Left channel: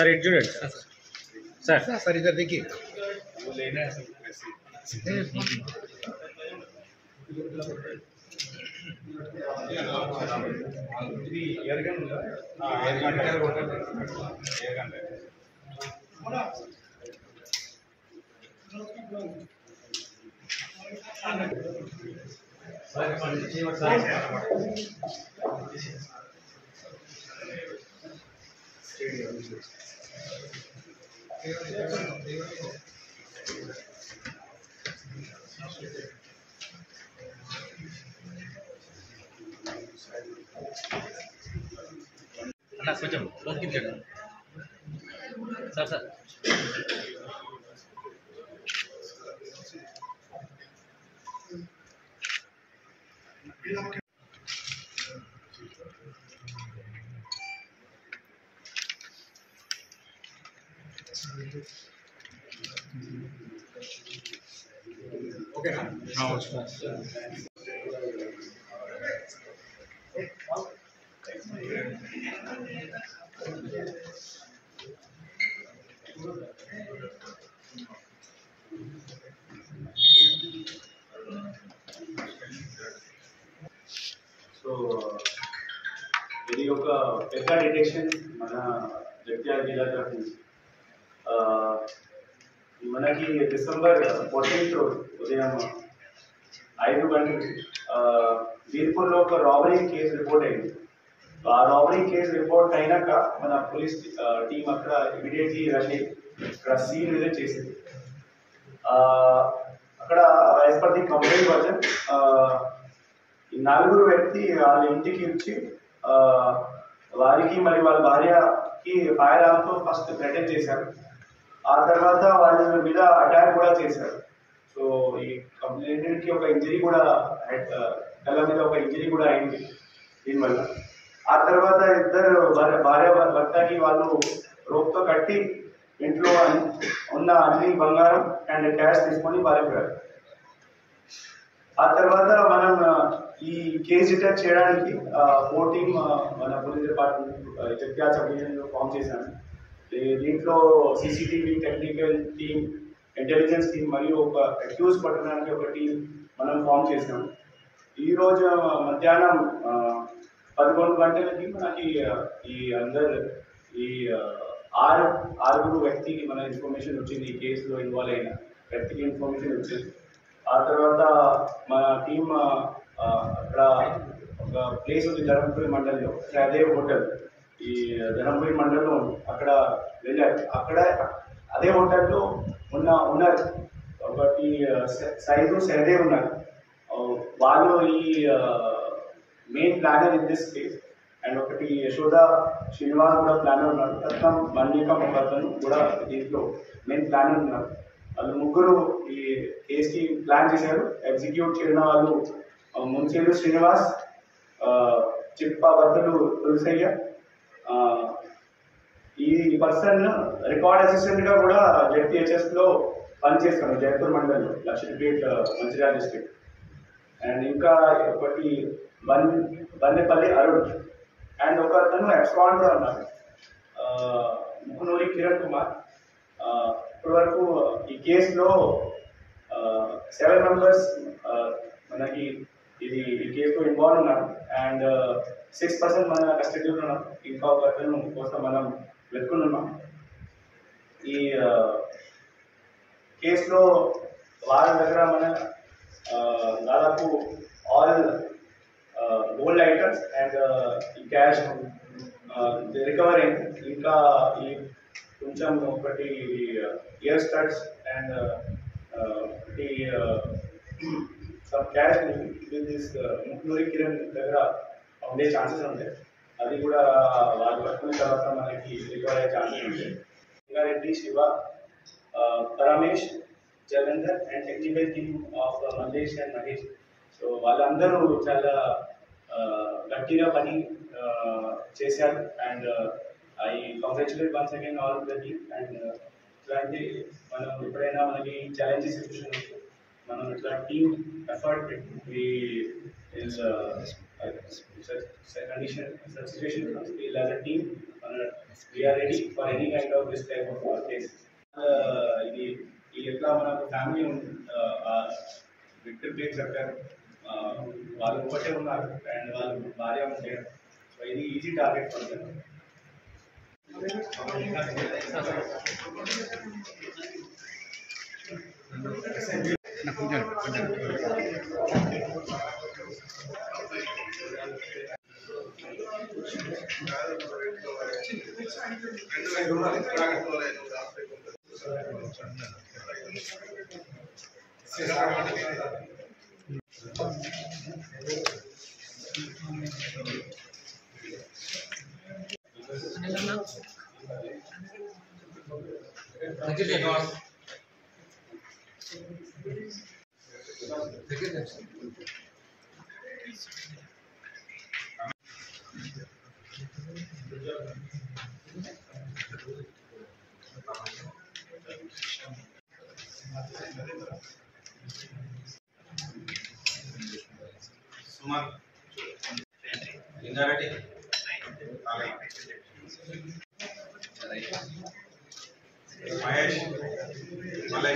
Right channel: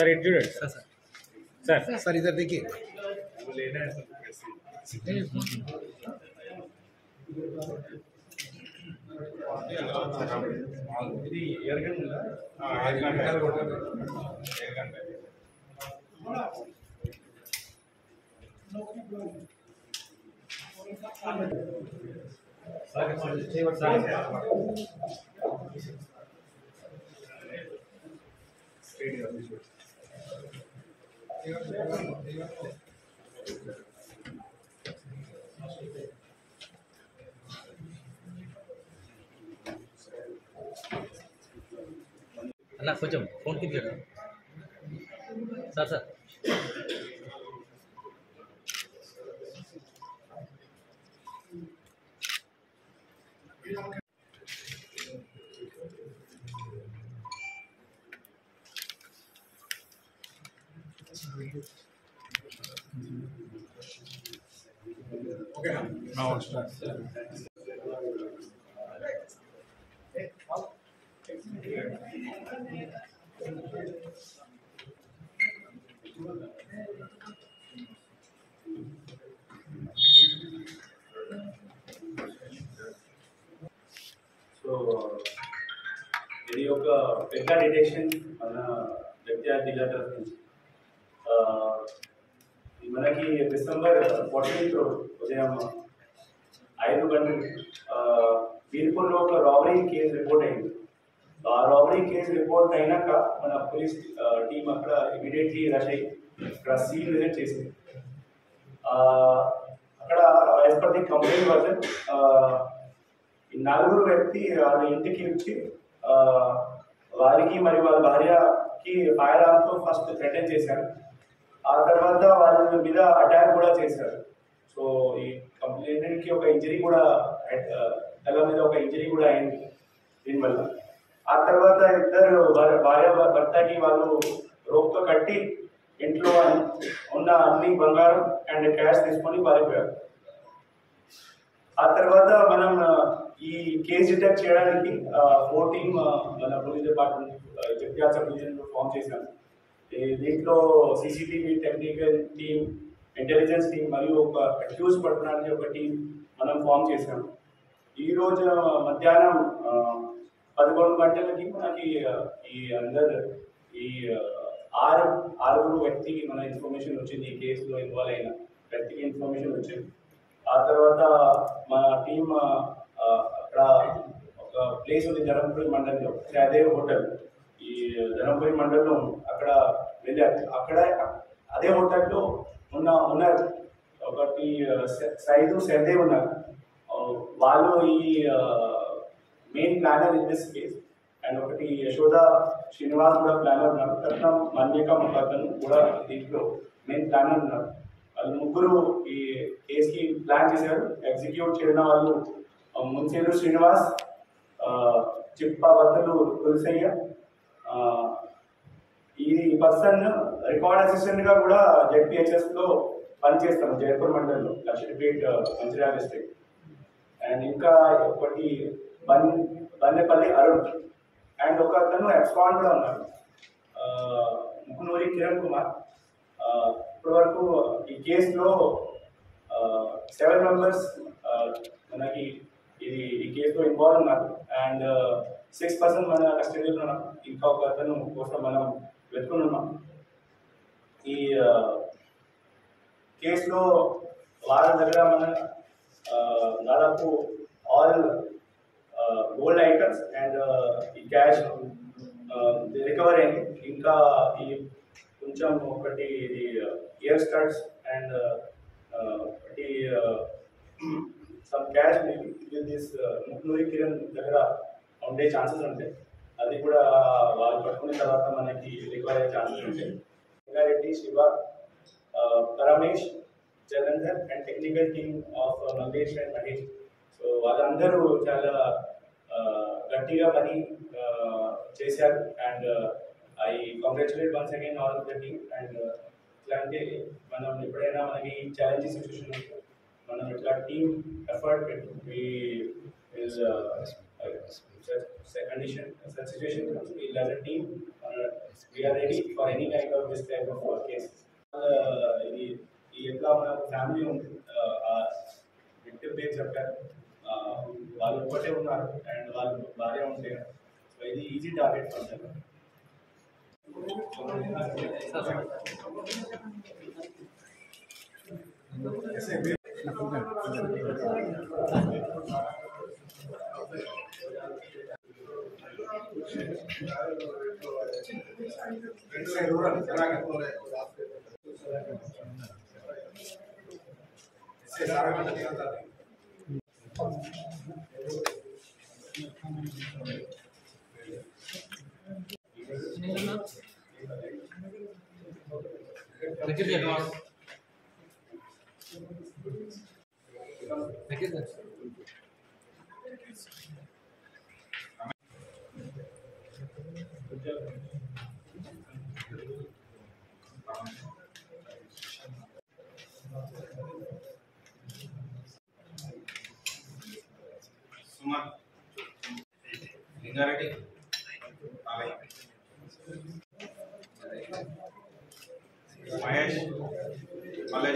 Sir it చూడండి sir sir इधर देखिए। वो लेना है ఇది ఎర్గన్ ఉందా ఎర్గన్ కొట్టాలి ఎర్గన్ సార్ చేయవచ్చు సార్ అలా కొంచెం ఫోన్ కింద సార్ సార్ ఓకేనా? సో ఇది ఒక పెద్ద డిటెక్షన్ మన జగిత్యాల జిల్లా తరఫు నుంచి మనకి డిసెంబర్ 14th ఉదయం 5 గంటలకి వీర్పూర్లో ఒక రాబరీ కేసు రిపోర్ట్ అయింది. ఆ రాబరీ కేసు రిపోర్ట్ అయినాక మన పోలీస్ టీం అక్కడ ఇమీడియట్లీ రష్ అయ్యి అక్కడ సీన్ విజిట్ చేసింది. అక్కడ as per the complaint version ఈ 4 వ్యక్తి వాళ్ళ ఇంటికి వచ్చి వారికి మరియు వాళ్ళ భార్యకి ఫైర్ ఆర్మ్తో ఫస్ట్ థ్రెటన్ చేశారు. ఆ తర్వాత వాళ్ళ మీద అటాక్ కూడా చేశారు. సో ఈ కంప్లైంట్కి ఒక ఇంజరీ కూడా తల మీద ఒక ఇంజరీ కూడా అయింది దీనివల్ల. ఆ తర్వాత ఇద్దరు భార్య భర్తకి వాళ్ళు రోప్తో కట్టి ఇంట్లో ఉన్న అన్ని బంగారం అండ్ క్యాష్ తీసుకొని పారిపోయారు. ఆ తర్వాత మనం ఈ కేసు డిటెక్ట్ చేయడానికి 4 టీమ్ మన పోలీస్ డిపార్ట్మెంట్ జగిత్యాల సబ్ డివిజన్లో ఫామ్ చేశాము. దీంట్లో CCTV technical team, intelligence team మరియు ఒక అక్యూజ్ పట్టడానికి ఒక టీం మనం ఫామ్ చేసాము. ఈరోజు మధ్యాహ్నం 11 గంటలకి మనకి ఈ ఆరుగురు వ్యక్తికి మన ఇన్ఫర్మేషన్ వచ్చింది. ఈ కేసులో ఇన్వాల్వ్ అయిన వ్యక్తికి ఇన్ఫర్మేషన్ వచ్చింది. ఆ తర్వాత మన టీం అక్కడ ఒక ప్లేస్ ఉంది ధర్మపురి మండలంలో, అదే హోటల్ ఈ ధర్మపురి మండలంలో అక్కడ వెళ్ళారు. అక్కడ అదే హోటల్లో ఉన్నారు ఒకటి సైదు సైదే ఉన్నారు. వాళ్ళు ఈ main planner in this case. And ఒకటి యశోద శ్రీనివాస్ కూడా ప్లానర్ ఉన్నారు. రత్నం మన్నిక ముఖర్తను కూడా దీంట్లో మెయిన్ ప్లానర్ ఉన్నారు. వాళ్ళు ముగ్గురు ఈ కేసుకి ప్లాన్ చేశారు. ఎగ్జిక్యూట్ చేయడం వాళ్ళు మున్సిపల్ శ్రీనివాస్, చిప్పబద్దలు తులసయ్య. ఈ పర్సన్ రికార్డ్ అసిస్టెంట్గా కూడా జెడ్పీహెచ్ఎస్లో పనిచేస్తాను జైపూర్ మండలంలో, లక్ష్మీపేట్ మంచిర్యాల డిస్ట్రిక్ట్. అండ్ ఇంకా ఒకటి బన్నెపల్లి అరుణ్ అండ్ ఒక అతను ఎక్స్కాన్ కూడా ఉన్నారు, ముకునూరి కిరణ్ కుమార్. ఇప్పటి వరకు ఈ కేసులో 7 మెంబర్స్ మనకి ఈ కేసులో ఇన్వాల్వ్ ఉన్నారు. అండ్ 6% మన కస్టడీలో ఉన్నారు. ఇంకా ఒక అతను కోసం మనం వెతుకుని ఉన్నాం. ఈ కేసులో వారి దగ్గర మన దాదాపు ఆల్ గోల్డ్ ఐటమ్స్ అండ్ ఈ క్యాష్ రికవర్ అయింది. ఇంకా ఈ కొంచెం ఒకటి ఇయర్ స్టడ్స్ అండ్ ఒకటి some cash with this Muknuri Kiran దగ్గర ఉండే ఛాన్సెస్ ఉంటాయి. అది కూడా వాళ్ళు పట్టుకున్న తర్వాత మనకి రికవర్ అయ్యే ఛాన్సెస్ ఉంటాయి. Rangareddy, Shiva, Paramesh, Jalandhar and technical team of Mallesh and Mahesh. So వాళ్ళందరూ చాలా గట్టిగా పని చేశారు. And I congratulate once again all the team. And ఇట్లాంటి మనం ఎప్పుడైనా మనకి ఛాలెంజింగ్ సిచ్యువేషన్ ఉంటే మనం ఇట్లా టీమ్ ఎఫర్ట్ పెట్టి is such condition, such situation comes, we'll as a team, we are ready for any kind of this type of cases. ఇది ఎట్లా మనకు ఫ్యామిలీ విక్టిమ్ పేరు చెప్పారు, వాళ్ళు ఒకటే ఉన్నారు అండ్ వాళ్ళు భార్య ఉంటే, సో ఇది easy target for them. Suman Lingareddy Mahesh malai